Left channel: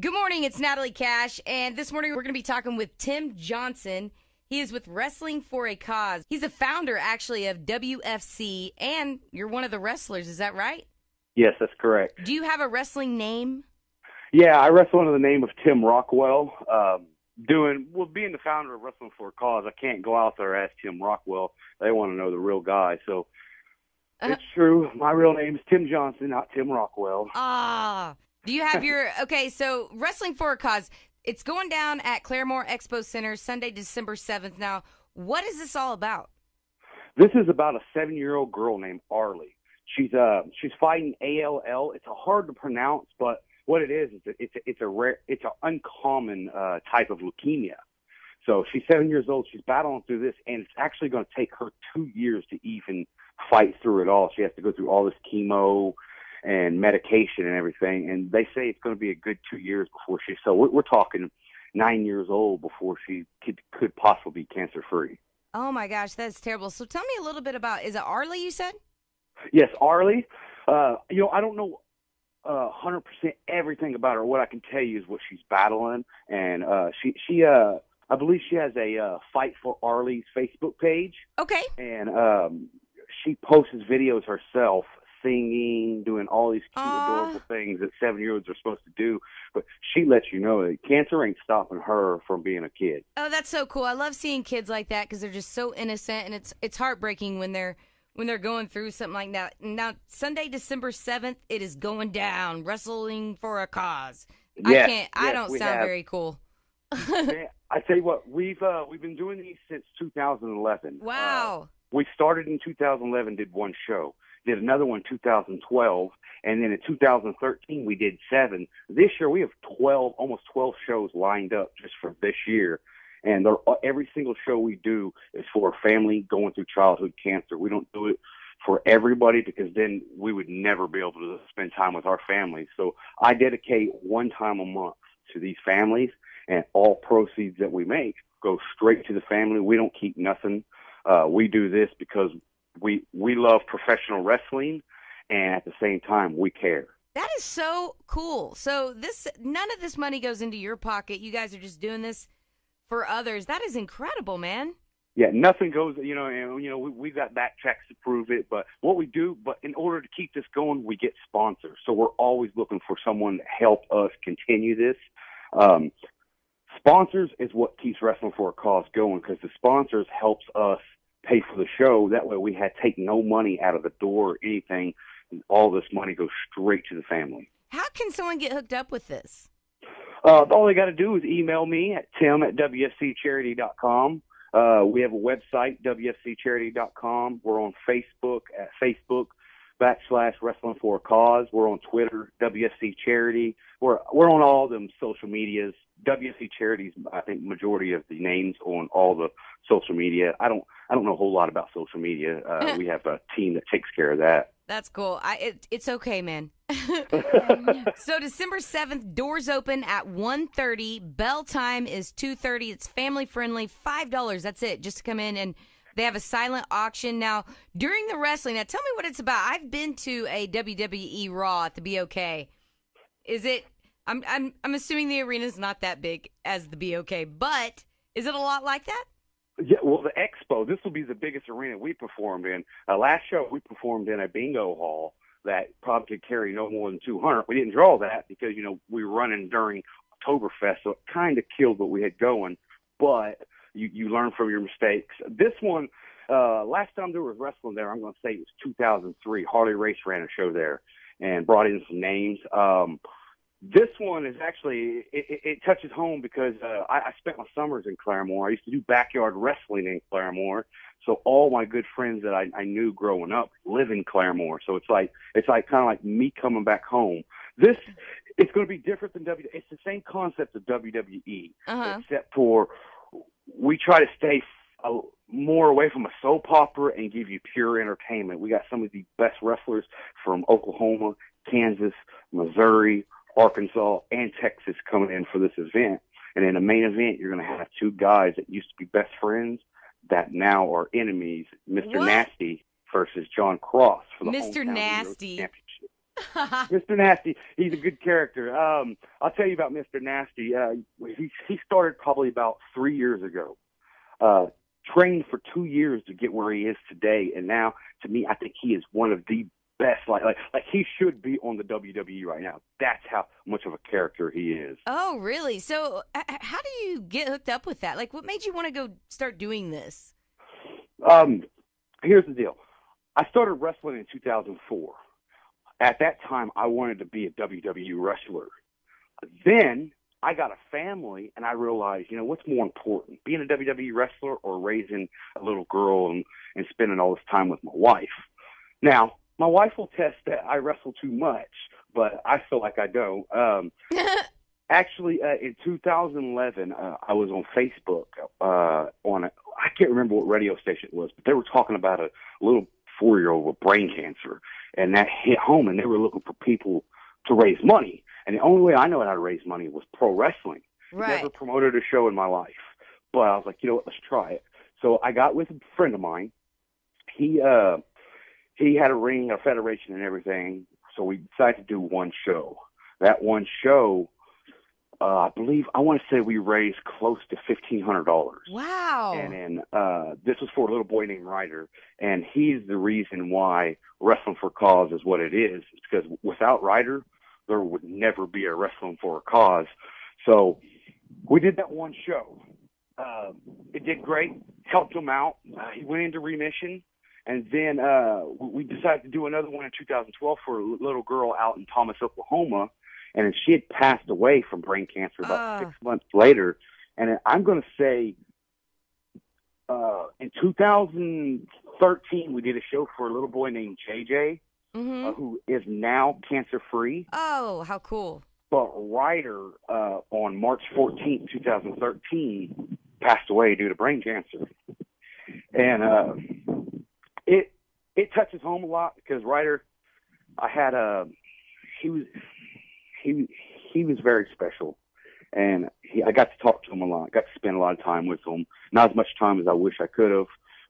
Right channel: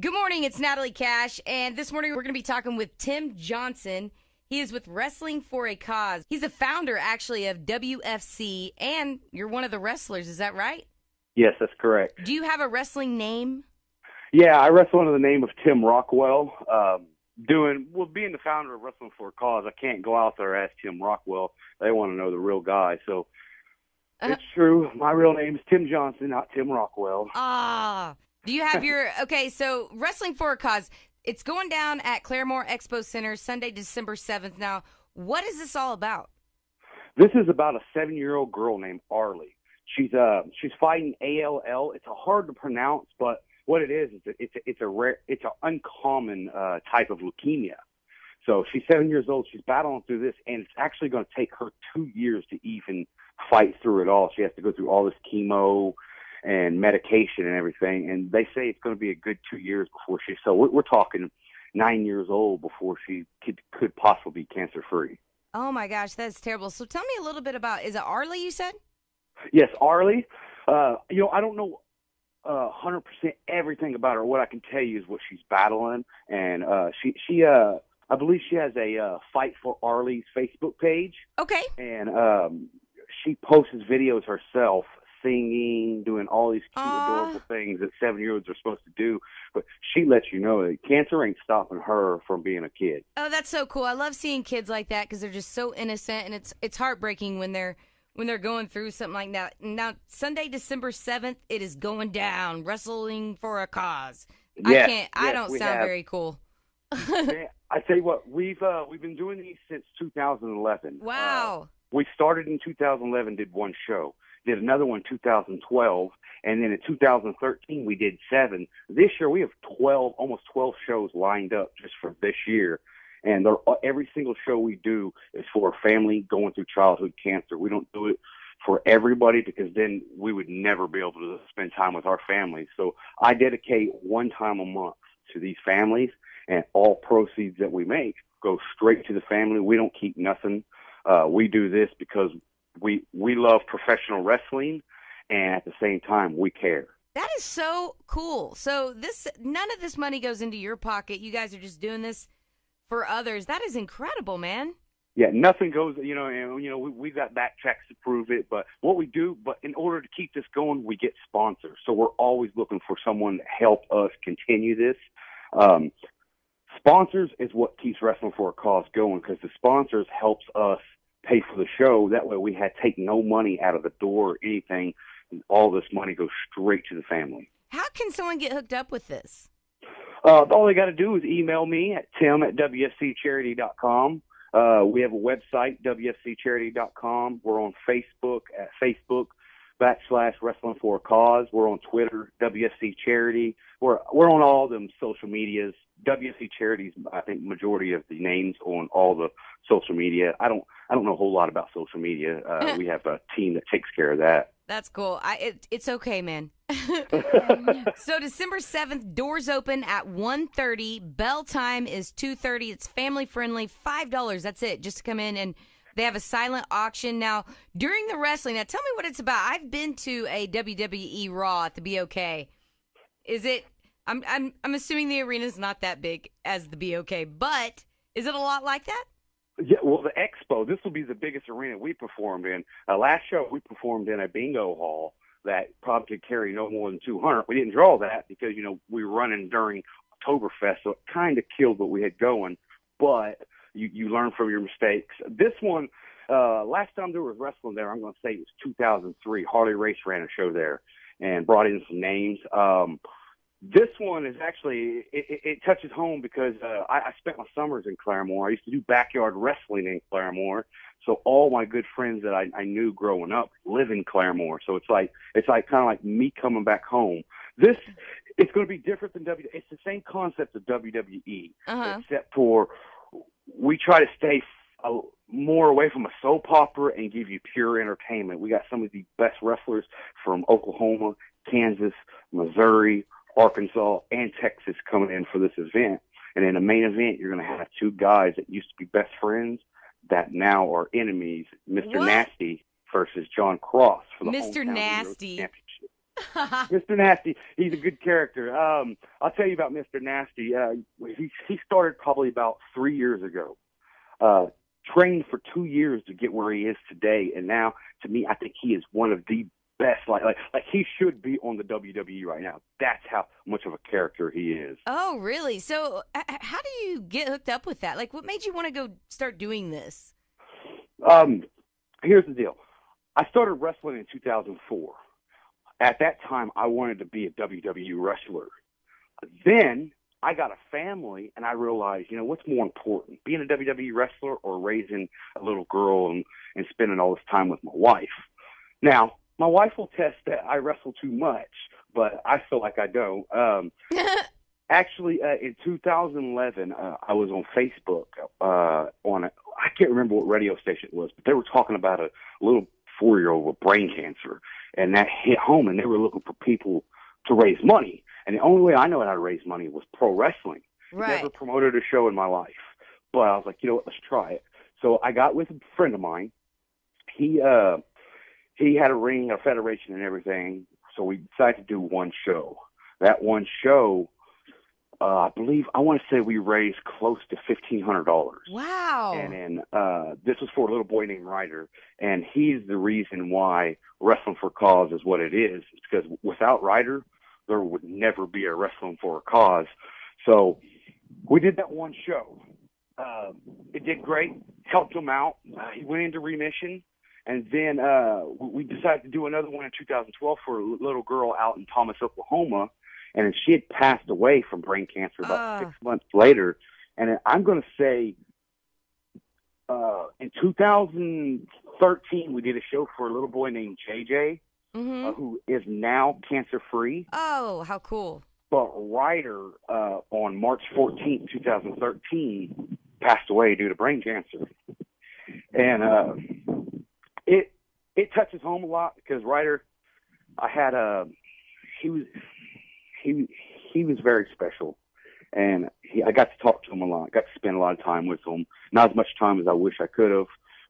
Good morning, it's Natalie Cash, and this morning we're going to be talking with Tim Johnson. He is with Wrestling for a Cause. He's the founder, actually, of WFC, and you're one of the wrestlers, is that right? Yes, that's correct. Do you have a wrestling name? Yeah, I wrestle under the name of Tim Rockwell. Being the founder of Wrestling for a Cause, I can't go out there as Tim Rockwell. They want to know the real guy, so it's true. My real name is Tim Johnson, not Tim Rockwell. Do you have your, okay, so Wrestling for a Cause, it's going down at Claremore Expo Center Sunday, December 7th. Now, what is this all about? This is about a 7-year-old girl named Arlie. She's fighting ALL. It's hard to pronounce, but what it is it's an uncommon type of leukemia. So she's 7 years old. She's battling through this, and it's actually going to take her 2 years to even fight through it all. She has to go through all this chemo and medication and everything, and they say it's going to be a good 2 years before so we're talking 9 years old before she could possibly be cancer-free. Oh, my gosh, that's terrible. So tell me a little bit about, is it Arlie you said? Yes, Arlie. I don't know 100% everything about her. What I can tell you is what she's battling, and I believe she has a Fight for Arlie's Facebook page. Okay. And she posts videos herself, singing, doing all these cute, adorable things that 7-year-olds are supposed to do. But she lets you know that cancer ain't stopping her from being a kid. Oh, that's so cool. I love seeing kids like that because they're just so innocent, and it's heartbreaking when they're going through something like that. Now, Sunday, December 7th, it is going down. Wrestling for a Cause. Yes, I don't sound very cool. I tell you what, we've been doing these since 2011. Wow. We started in 2011, did one show. Did another one in 2012, and then in 2013 we did 7. This year we have almost 12 shows lined up just for this year, and every single show we do is for a family going through childhood cancer. We don't do it for everybody because then we would never be able to spend time with our families. So I dedicate one time a month to these families, and all proceeds that we make go straight to the family. We don't keep nothing. We do this because we love professional wrestling, and at the same time, we care. That is so cool. So none of this money goes into your pocket. You guys are just doing this for others. That is incredible, man. Yeah, nothing goes, we've got backtracks to prove it, but in order to keep this going, we get sponsors. So we're always looking for someone to help us continue this. Sponsors is what keeps Wrestling for a Cause going, because the sponsors helps us pay for the show. That way we take no money out of the door or anything. All this money goes straight to the family. How can someone get hooked up with this? All they got to do is email me at tim@wfccharity.com. We have a website, wfccharity.com. We're on Facebook at Facebook.com/Wrestling for a Cause. We're on Twitter, WFC Charity. We're on all them social medias. WFC Charities, I think, majority of the names on all the social media. I don't know a whole lot about social media. We have a team that takes care of that. That's cool. It's okay, man. So December 7th, doors open at 1:30. Bell time is 2:30. It's family friendly. $5. That's it, just to come in, and they have a silent auction. Now, during the wrestling, now tell me what it's about. I've been to a WWE Raw at the BOK. Is it? I'm assuming the arena's not that big as the BOK, but is it a lot like that? Yeah, well, the Expo, this will be the biggest arena we performed in. Last show, we performed in a bingo hall that probably could carry no more than 200. We didn't draw that because, we were running during Oktoberfest, so it kind of killed what we had going. But you learn from your mistakes. This one, last time there was wrestling there, I'm going to say it was 2003. Harley Race ran a show there and brought in some names. This one is actually, it touches home because I spent my summers in Claremore. I used to do backyard wrestling in Claremore. So all my good friends that I knew growing up live in Claremore. So it's like kind of like me coming back home. It's going to be different than It's the same concept of WWE, except for we try to stay more away from a soap opera and give you pure entertainment. We got some of the best wrestlers from Oklahoma, Kansas, Missouri, Arkansas, and Texas coming in for this event. And in the main event, you're going to have 2 guys that used to be best friends that now are enemies, Mr. Nasty versus John Cross for the Mr. Hometown Nasty. Championship. Mr. Nasty, he's a good character. I'll tell you about Mr. Nasty. He started probably about 3 years ago. Trained for 2 years to get where he is today, and now, to me, I think he is one of the best. Like he should be on the WWE right now. That's how much of a character he is. Oh, really? So, how do you get hooked up with that? Like, what made you want to go start doing this? Here's the deal. I started wrestling in 2004. At that time, I wanted to be a WWE wrestler. Then I got a family, and I realized, what's more important, being a WWE wrestler or raising a little girl and spending all this time with my wife? Now, my wife will test that I wrestle too much, but I feel like I don't. Actually, in 2011, I was on Facebook I can't remember what radio station it was, but they were talking about a little 4-year-old with brain cancer, and that hit home, and they were looking for people to raise money. And the only way I know how to raise money was pro wrestling. Right. Never promoted a show in my life. But I was like, you know what, let's try it. So I got with a friend of mine. He had a ring, a federation and everything. So we decided to do one show. That one show, I want to say we raised close to $1,500. Wow. And then this was for a little boy named Ryder. And he's the reason why Wrestling for a Cause is what it is. It's because without Ryder, there would never be a Wrestling for a Cause. So we did that one show. It did great, helped him out. He went into remission. And then we decided to do another one in 2012 for a little girl out in Thomas, Oklahoma. And she had passed away from brain cancer about 6 months later. And I'm going to say in 2013, we did a show for a little boy named JJ, who is now cancer-free. Oh, how cool. But Ryder, on March 14th, 2013, passed away due to brain cancer. And it touches home a lot because Ryder, he was very special, and I got to talk to him a lot. Got to spend a lot of time with him. Not as much time as I wish I could have,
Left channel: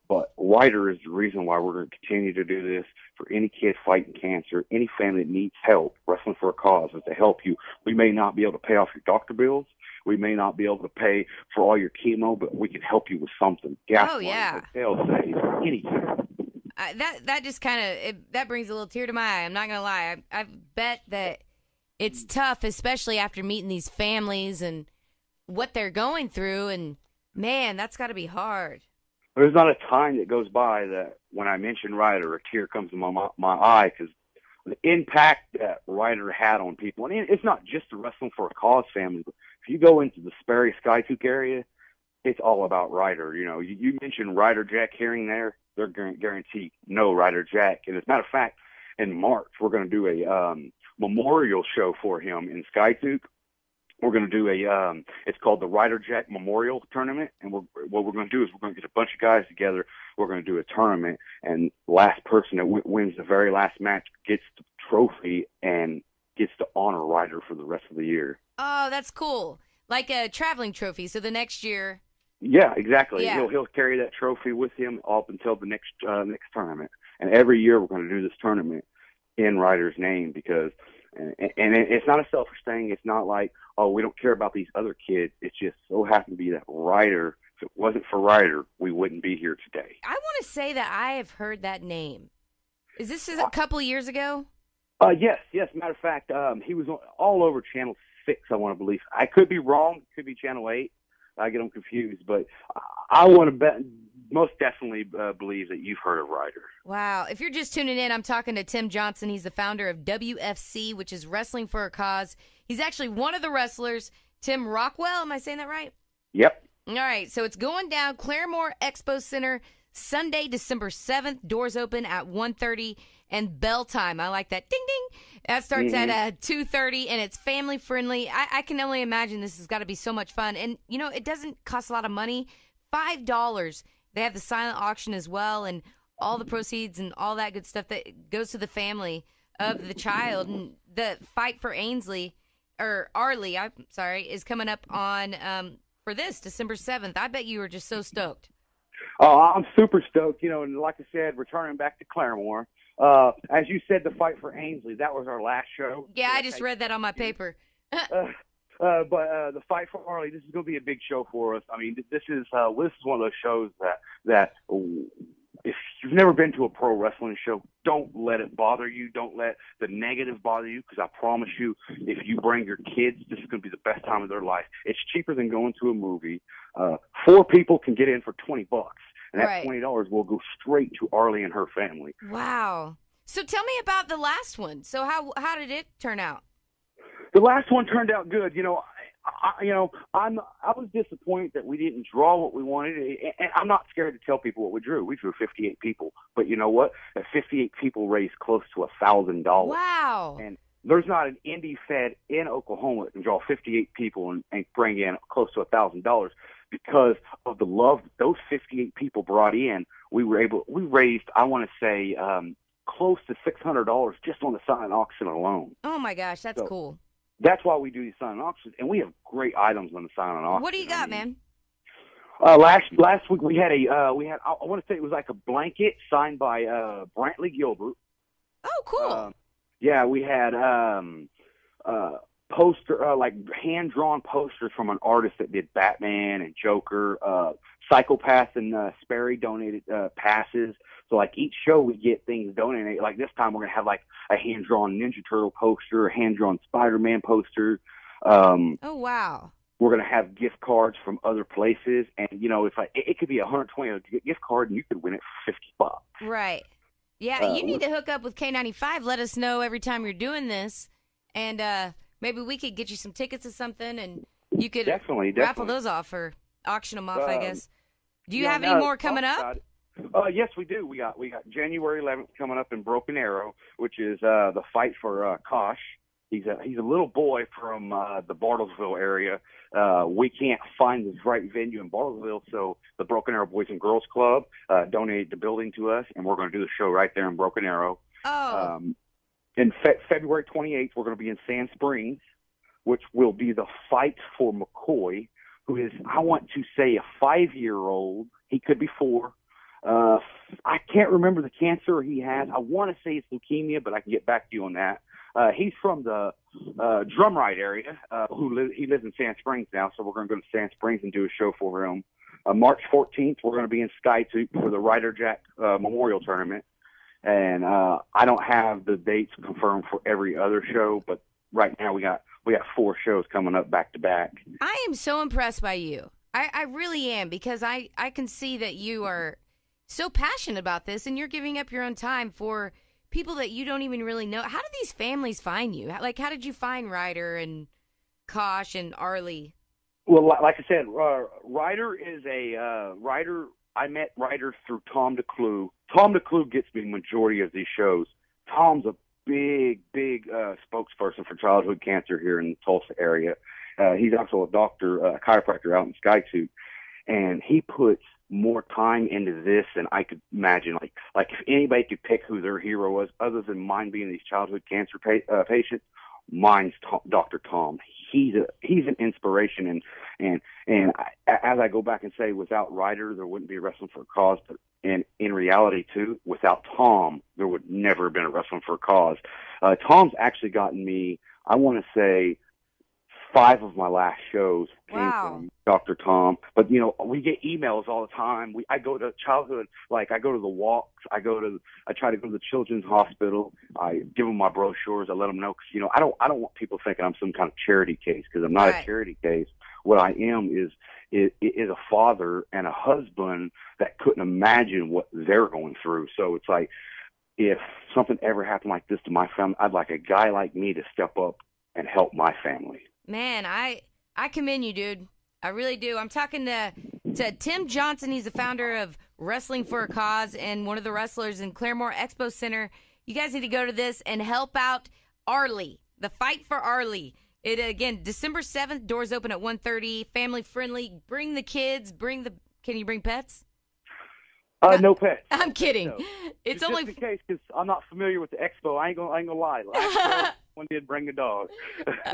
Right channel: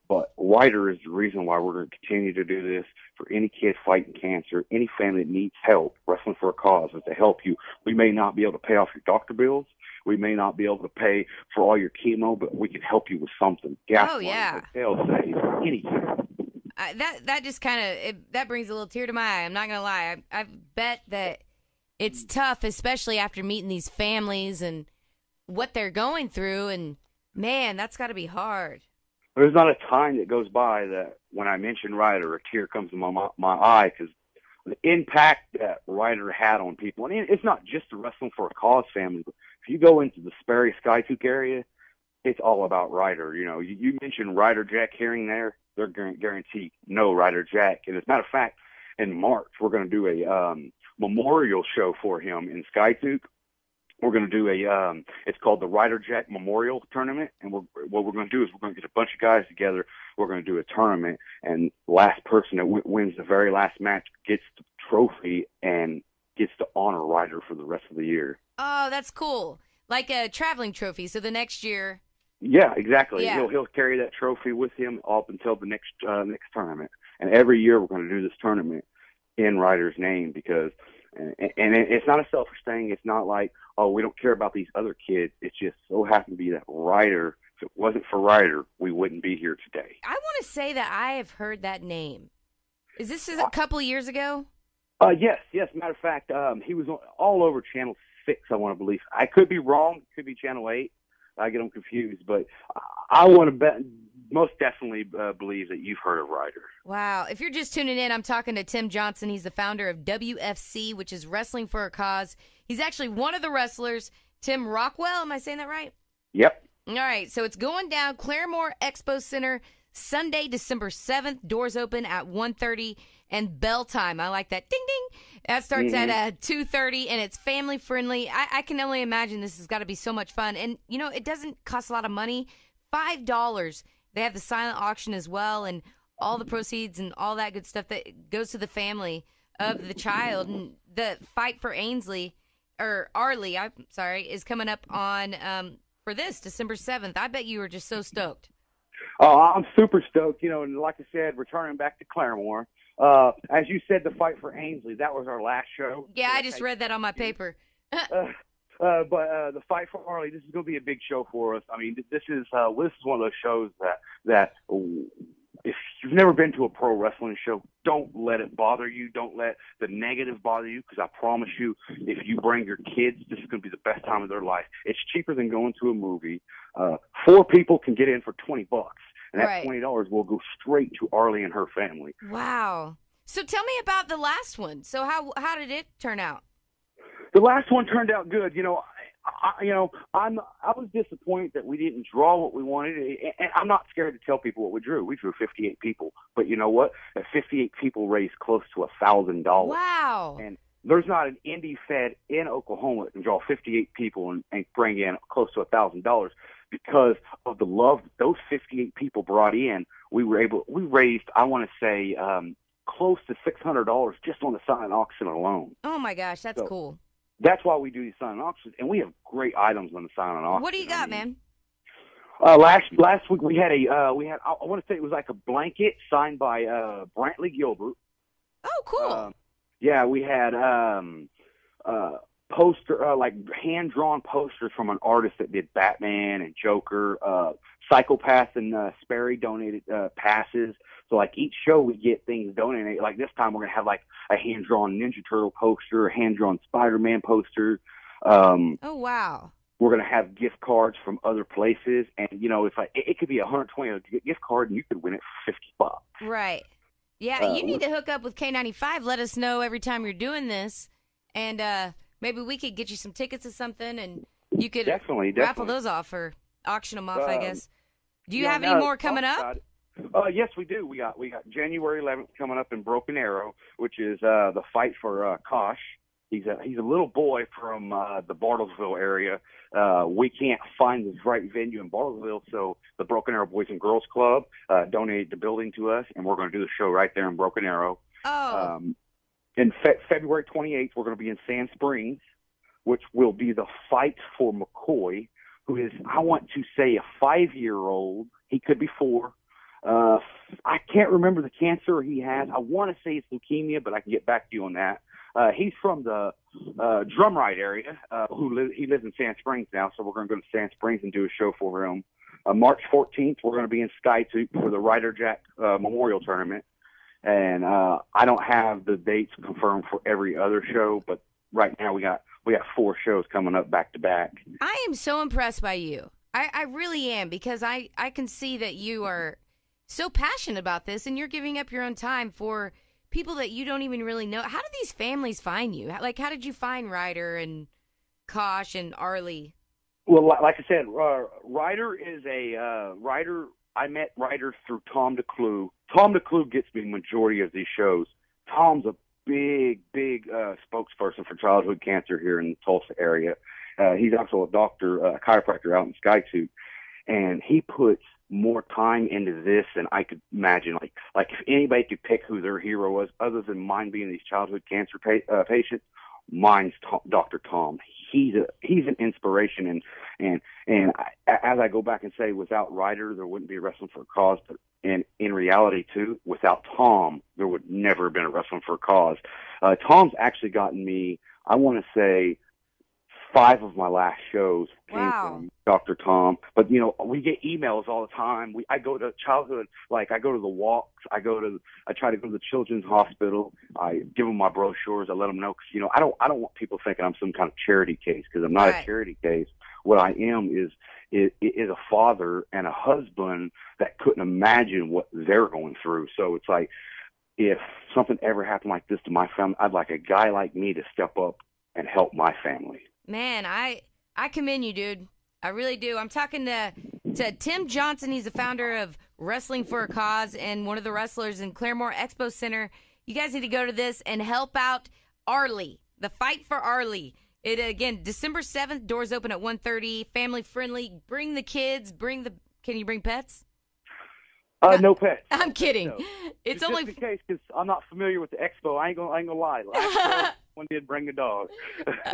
but Ryder is the reason why we're going to continue to do this for any kid fighting cancer, any family that needs help. Wrestling for a Cause is to help you. We may not be able to pay off your doctor bills. We may not be able to pay for all your chemo, but we can help you with something. Gas money, hotel stays, anything. That just kind of that brings a little tear to my eye. I'm not gonna lie. I bet that it's tough, especially after meeting these families and what they're going through. And man, that's got to be hard. There's not a time that goes by that when I mention Ryder, a tear comes to my eye, because the impact that Ryder had on people. And it's not just the Wrestling for a Cause family, but if you go into the Sperry Skytook area, it's all about Ryder. You mentioned Ryder Jack Herring there, they're guaranteed no Ryder Jack. And as a matter of fact, in March, we're going to do a memorial show for him in Skytook. We're going to do it's called the Ryder Jack Memorial Tournament. And what we're going to do is we're going to get a bunch of guys together. We're going to do a tournament, and the last person that wins the very last match gets the trophy and gets to honor Ryder for the rest of the year. Oh, that's cool. Like a traveling trophy. So the next year. Yeah, exactly. Yeah. He'll carry that trophy with him up until the next tournament. And every year we're going to do this tournament in Ryder's name, because and it's not a selfish thing. It's not like, oh, we don't care about these other kids. It's just so happened to be that Ryder, if it wasn't for Ryder, we wouldn't be here today. I want to say that I have heard that name. Is this a couple of years ago? Yes. Matter of fact, he was all over Channel 6, I want to believe. I could be wrong. It could be Channel 8. I get them confused. But I want to bet, most definitely believe that you've heard of Ryder. Wow. If you're just tuning in, I'm talking to Tim Johnson. He's the founder of WFC, which is Wrestling for a Cause. He's actually one of the wrestlers, Tim Rockwell. Am I saying that right? Yep. All right. So it's going down Claremore Expo Center, Sunday, December 7th. Doors open at 1:30 and bell time. I like that. Ding, ding. That starts at 2:30, and it's family friendly. I can only imagine this has got to be so much fun. And, it doesn't cost a lot of money. $5. They have the silent auction as well, and all the proceeds and all that good stuff that goes to the family of the child. And the fight for Arlie, is coming up on for this December 7th. I bet you were just so stoked. Oh, I'm super stoked. And like I said, returning back to Claremore. As you said, the fight for Ainsley, that was our last show. Yeah, I just read that on my paper. But the fight for Arlie, this is going to be a big show for us. I mean, this is one of those shows that if you've never been to a pro wrestling show, don't let it bother you. Don't let the negative bother you, because I promise you, if you bring your kids, this is going to be the best time of their life. It's cheaper than going to a movie. 4 people can get in for $20, and that $20 will go straight to Arlie and her family. Wow. So tell me about the last one. So how did it turn out? The last one turned out good. I was disappointed that we didn't draw what we wanted, and I'm not scared to tell people what we drew. We drew 58 people, but you know what? 58 people raised close to $1,000. Wow! And there's not an indie fed in Oklahoma that can draw 58 people and bring in close to $1,000 because of the love that those 58 people brought in. We raised, I want to say, close to $600 just on the silent auction alone. Oh my gosh, that's cool. That's why we do these silent auctions, and we have great items on the silent auction. What do you got, man? Last week we had I want to say it was like a blanket signed by Brantley Gilbert. Oh, cool. Yeah, we had poster like hand drawn posters from an artist that did Batman and Joker. Psychopath and Sperry donated passes. So like each show we get things donated. Like this time we're gonna have like a hand drawn Ninja Turtle poster, a hand drawn Spider-Man poster. Oh wow! We're gonna have gift cards from other places, and it's like it could be a $120 gift card, and you could win it for $50. Right. Yeah, you need to hook up with K.95. Let us know every time you're doing this, and maybe we could get you some tickets or something, and you could definitely raffle those off or auction them off. I guess. Do you have any more coming up? Yes, we do. We got January 11th coming up in Broken Arrow, which is the fight for Kosh. He's a little boy from the Bartlesville area. We can't find the right venue in Bartlesville, so the Broken Arrow Boys and Girls Club donated the building to us, and we're going to do the show right there in Broken Arrow. Oh. In February 28th, we're going to be in Sand Springs, which will be the fight for McCoy, who is, I want to say, a 5-year-old. He could be 4. I can't remember the cancer he has. I want to say it's leukemia, but I can get back to you on that. He's from the Drumright area. He lives in Sand Springs now, so we're going to go to Sand Springs and do a show for him. March 14th, we're going to be in Skytoop for the Ryder Jack Memorial Tournament. And I don't have the dates confirmed for every other show, but right now we got 4 shows coming up back to back. I am so impressed by you. I really am, because I can see that you are so passionate about this, and you're giving up your own time for people that you don't even really know. How did these families find you? How did you find Ryder and Kosh and Arlie? Well, like I said, Ryder is Ryder. I met Ryder through Tom DeClue. Tom DeClue gets me the majority of these shows. Tom's a big spokesperson for childhood cancer here in the Tulsa area. He's also a doctor, a chiropractor out in Skytoop, and he puts more time into this than I could imagine. Like if anybody could pick who their hero was, other than mine being these childhood cancer patients, mine's Dr. Tom. He's an inspiration, and as I go back and say, without Ryder, there wouldn't be a Wrestling for a Cause. But in reality, too, without Tom, there would never have been a Wrestling for a Cause. Tom's actually gotten me, I want to say, 5 of my last shows came from Dr. Tom. But, we get emails all the time. I go to childhood, I go to the walks. I try to go to the children's hospital. I give them my brochures. I let them know, because, I don't want people thinking I'm some kind of charity case, because I'm not a charity case. What I am is a father and a husband that couldn't imagine what they're going through. So it's like, if something ever happened like this to my family, I'd like a guy like me to step up and help my family. Man, I commend you, dude. I really do. I'm talking to Tim Johnson. He's the founder of Wrestling for a Cause and one of the wrestlers in Claremore Expo Center. You guys need to go to this and help out Arlie, the fight for Arlie. It again, December 7th, doors open at 1:30, family friendly. Bring the kids, can you bring pets? No pets. I'm kidding. No. It's just only in case, because I'm not familiar with the expo. I ain't gonna lie. Last one did bring a dog.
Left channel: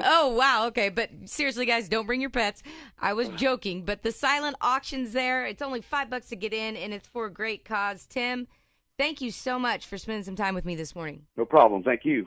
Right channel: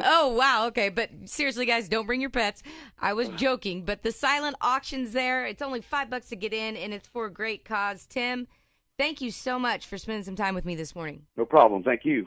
Oh wow, okay, but seriously, guys, don't bring your pets. I was joking, but the silent auction's there. It's only $5 to get in, and it's for a great cause. Tim, Thank you so much for spending some time with me this morning. No problem. Thank you.